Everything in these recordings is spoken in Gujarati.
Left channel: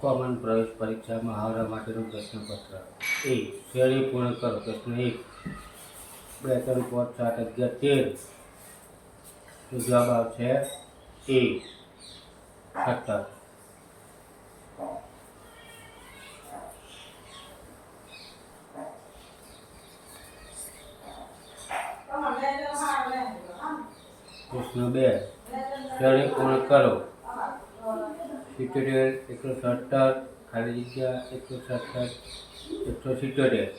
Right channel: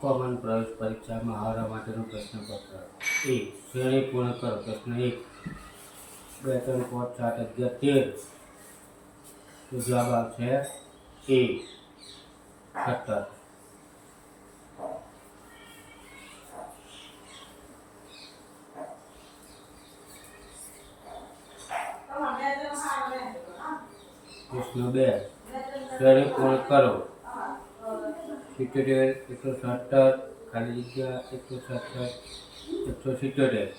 કોમન પ્રવેશ પરીક્ષા મહાવરા માટેનું પ્રશ્નપત્ર એ શ્રેણી પૂર્ણ કરો. પ્રશ્ન 1 2 3 5 7 11 13 જવાબ આવશે એ 17. પ્રશ્ન 2 શ્રેણી પૂર્ણ કરો. 77 117 ખાલી જગ્યા 167 177.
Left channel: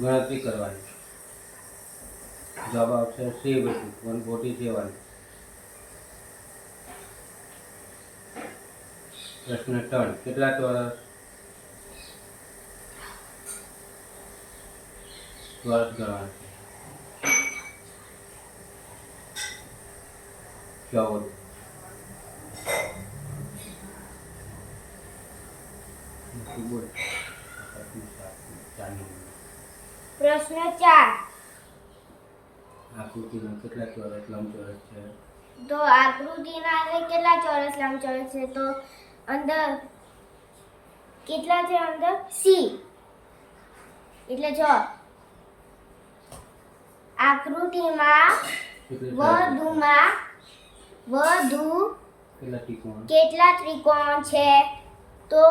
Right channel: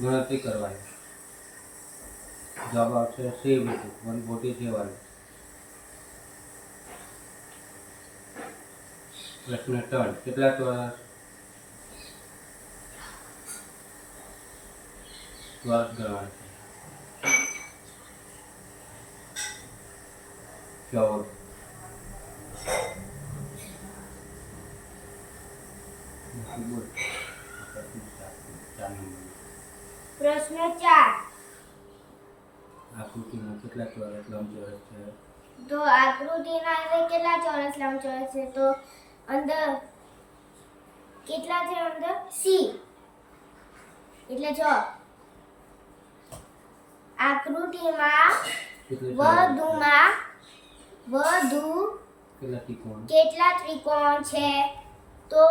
ગણતરી કરવાની. જવાબ આવશે સી 147. પ્રશ્ન 3 કેટલા ચોરસ ગણવાના છે? 14. પ્રશ્ન 4 આકૃતિના કેટલા ચોરસ લંબચોરસ છે? તો આકૃતિના અંદર કેટલા ચોરસ લંબચોરસ છે? તો અંદર કેટલા છે? અંદર સી. એટલે જો આકૃતિમાં વધુ કેટલા ત્રિકોણ છે? તો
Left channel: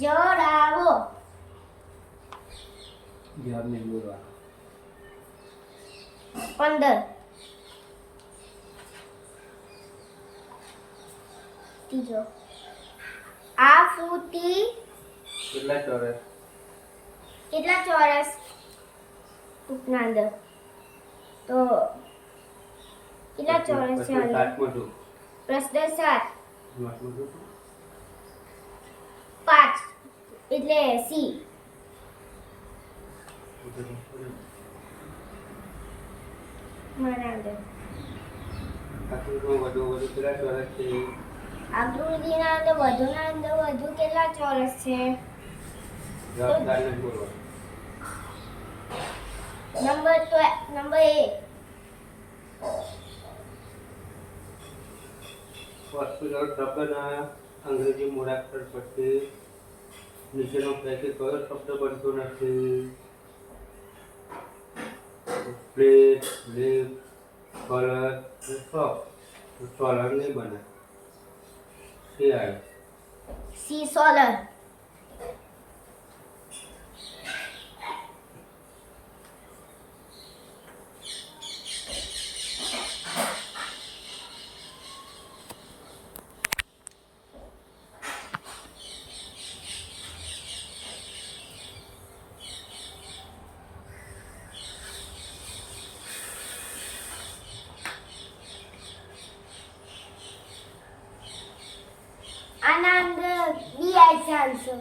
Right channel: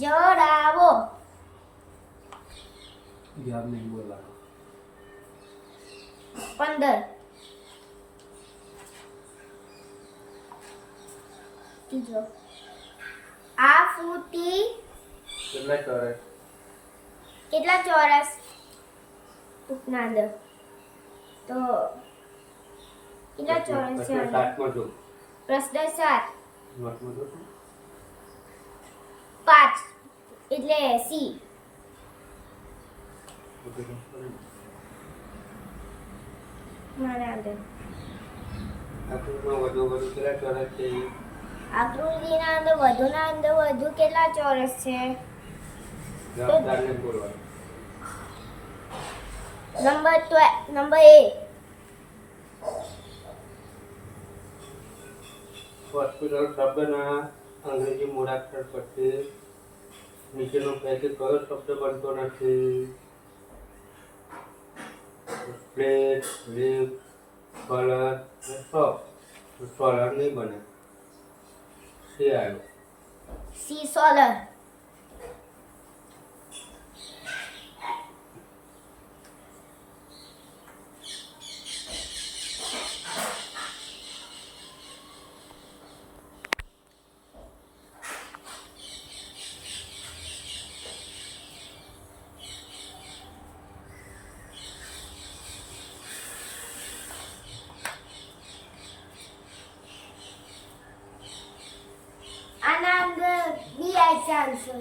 જણાવો. જવાબ નહીં બોલવાનો. 15. ત્રીજો આકૃતિ કેટલા ચોરસ ટૂંકના અંદર તો કેટલા ચોરસ છે અંદર? પ્રશ્ન 7 5 એટલે સી. મારા અંદર આકૃતિમાં વધુ કેટલા ચોરસ છે? આકૃતિના અંદર વધુ કેટલા ચોરસ છે? Number A. હોસ્પિટલ શબ્દના અંગ્રેજી મૂળાક્ષર પછી નીચેનો પૈકી કયો શબ્દ બનતો નથી? Plate, lift, colour, shop. Solar નહીં બને. સી આવ્યો. C solar. આના અંદર બી આવી છે આન્સર.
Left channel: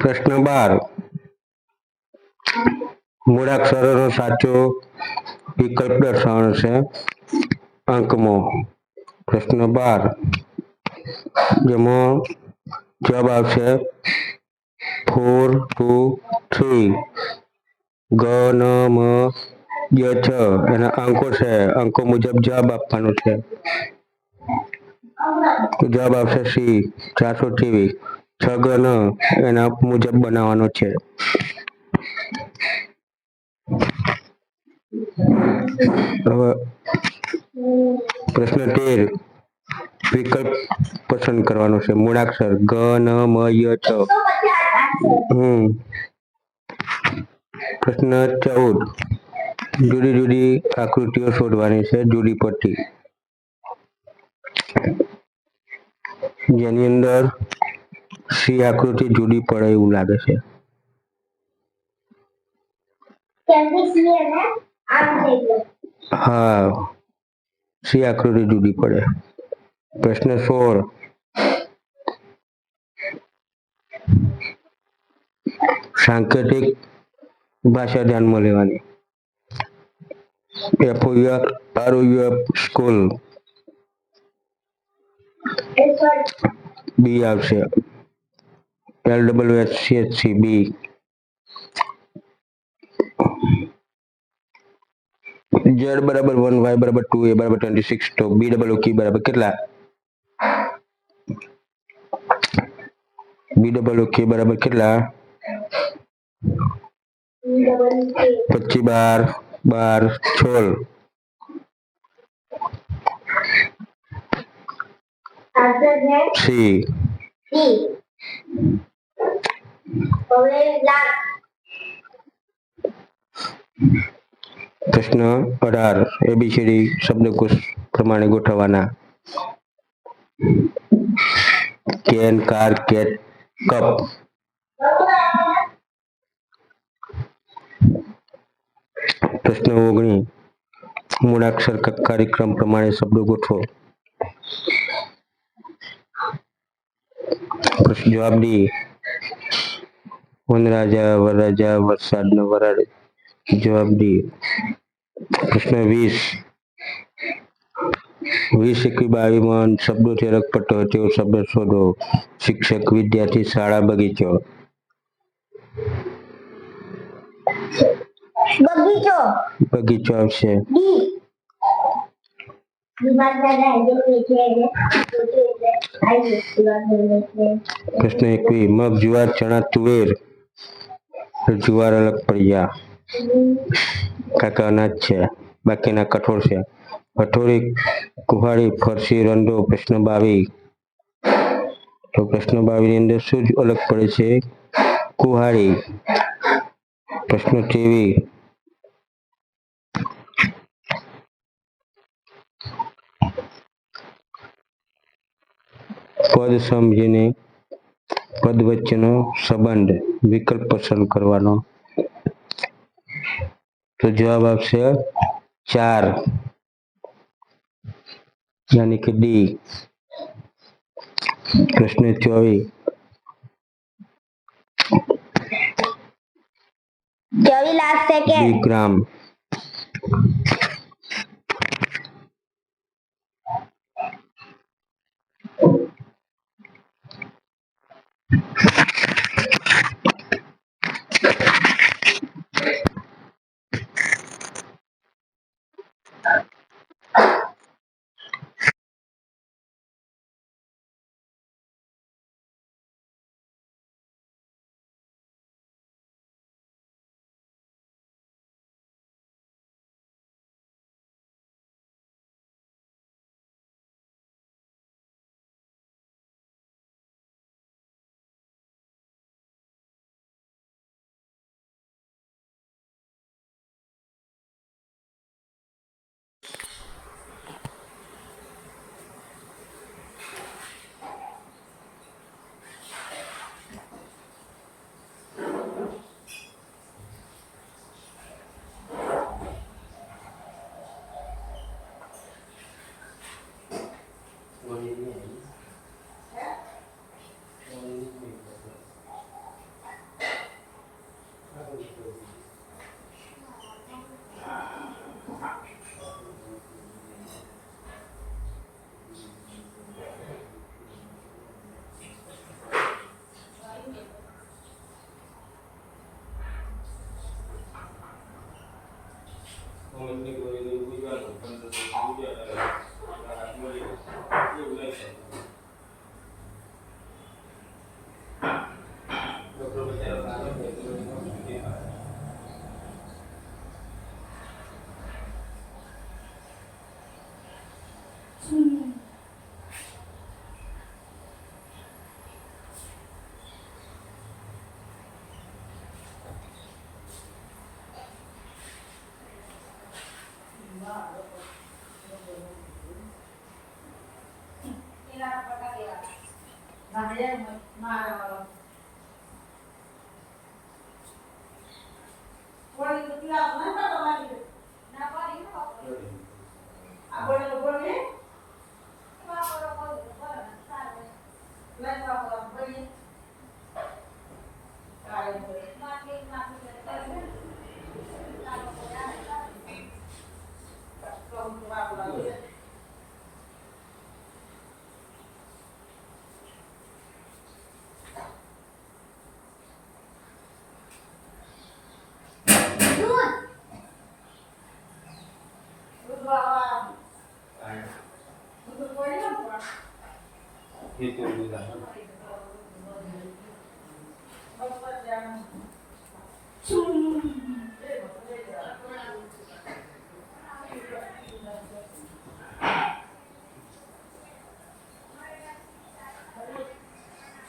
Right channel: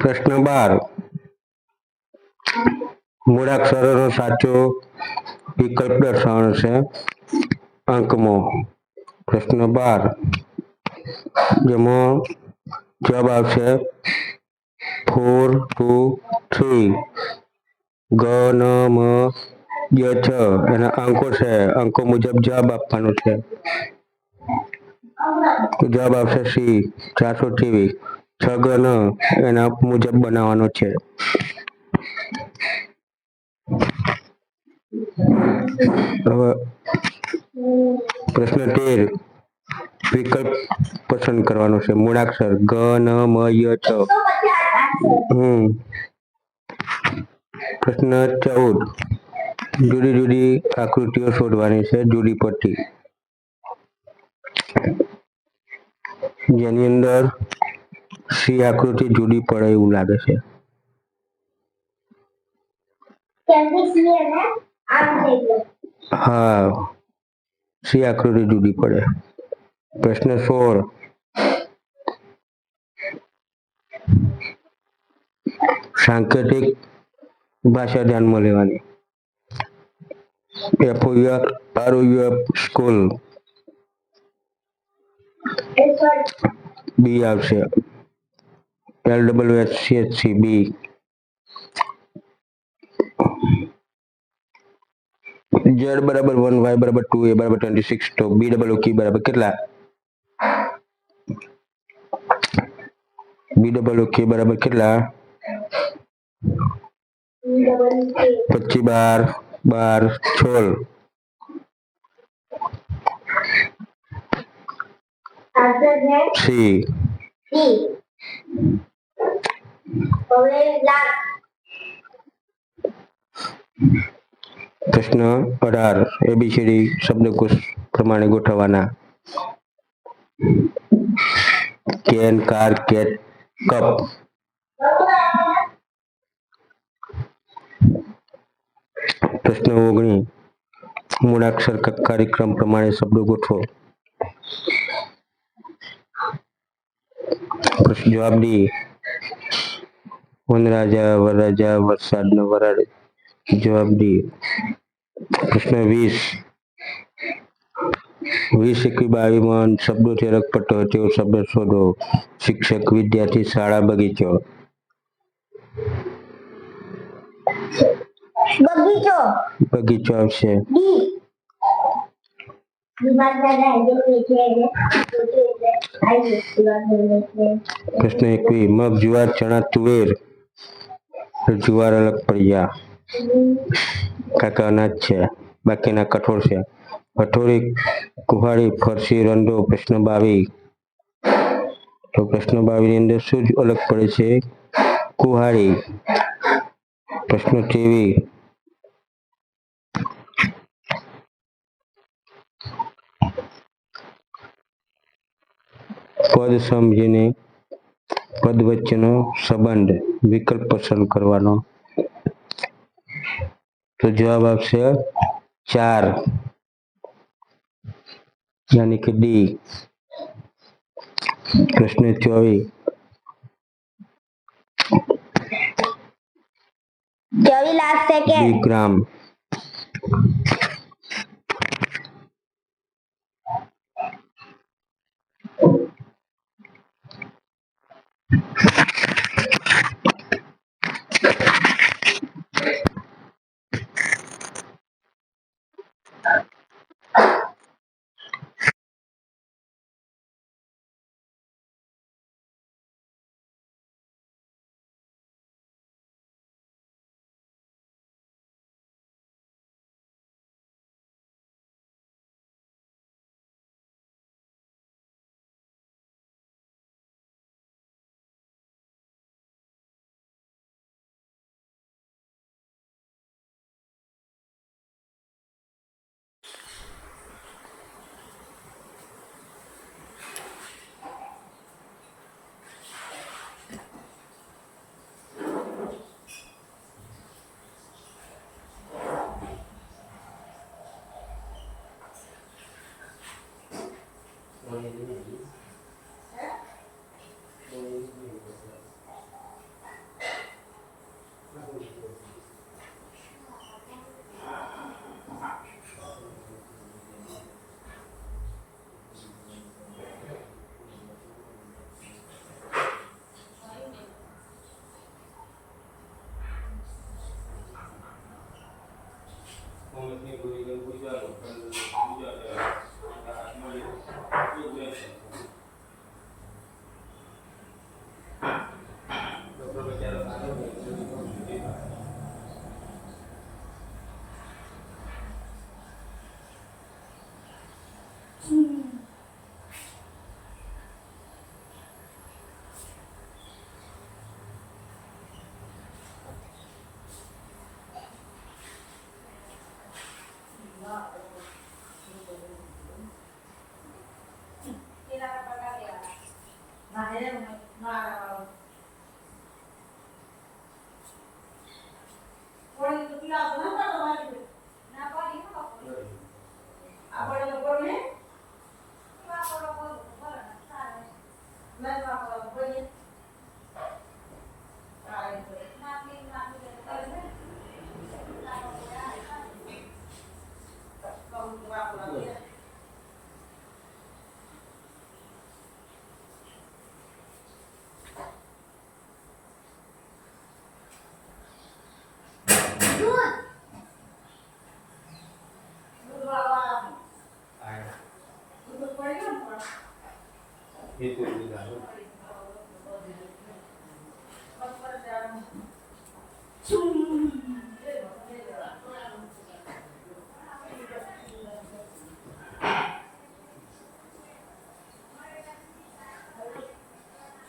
પ્રશ્ન 12 મૂળાક્ષરોનો સાચો વિકલ્પ દર્શાવવાનો છે અંકમાં. પ્રશ્ન 12 જેમાં જવાબ આવશે 4 2 3. ગ ન મ ય છ એના અંકો છે. અંકો મુજબ જવાબ આપવાનો છે. જવાબ આવશે સી 423. 6 ગ ન એના મુજબ બનાવવાનો છે. હવે પ્રશ્ન 13 વિકલ્પ પસંદ કરવાનો છે. મૂળાક્ષર ગ ન મ ય છ. પ્રશ્ન 14 જુદી જુદી આકૃતિઓ શોધવાની છે જુદી પડતી જેની અંદર સી આકૃતિ જુદી પડે એવું લાગે છે હા સી આકૃતિ જુદી પડે પ્રશ્ન 16 સાંકેતિક ભાષા ધ્યાનમાં લેવાની FOUR સ્કૂલ બી આવશે LWSCHC બી Z બરાબર 1 Y બરાબર 2 A બરાબર 26 તો BOOK બરાબર કેટલા BOOK બરાબર કેટલા 25 12 16 સી પ્રશ્ન 18 ABCD શબ્દકોશ પ્રમાણે ગોઠવવાના કેન કાર કેટ કપ પ્રશ્ન 19 મૂળાક્ષર કાર્યક્રમ પ્રમાણે શબ્દો ગોઠવો જવાબ ડી વનરાજા વરરાજા વરસાદનો વરાળ જવાબ ડી પ્રશ્ન 20 શબ્દોથી અલગ પડતો હોય તેવો શબ્દ શોધો શિક્ષક વિદ્યાર્થી શાળા બગીચો બગીચો આવશે પ્રશ્ન 21 મગ જુવાર ચણા તુવેર જુવાર અલગ પડી ગયા કાકા અનાજ છે બાકીના કઠોળ છે હથોડી કુહાડી ફરસી રંડો પ્રશ્ન 22 તો પ્રશ્ન 22 ની અંદર શું અલગ પડે છે કુહાડી પ્રશ્ન 23 પદ સમજીને પદ વચ્ચેનો સંબંધ વિકલ્પ પસંદ કરવાનો તો જવાબ આવશે 4 यानी कि डी प्रश्न 24 विक्रम એ તો બીજા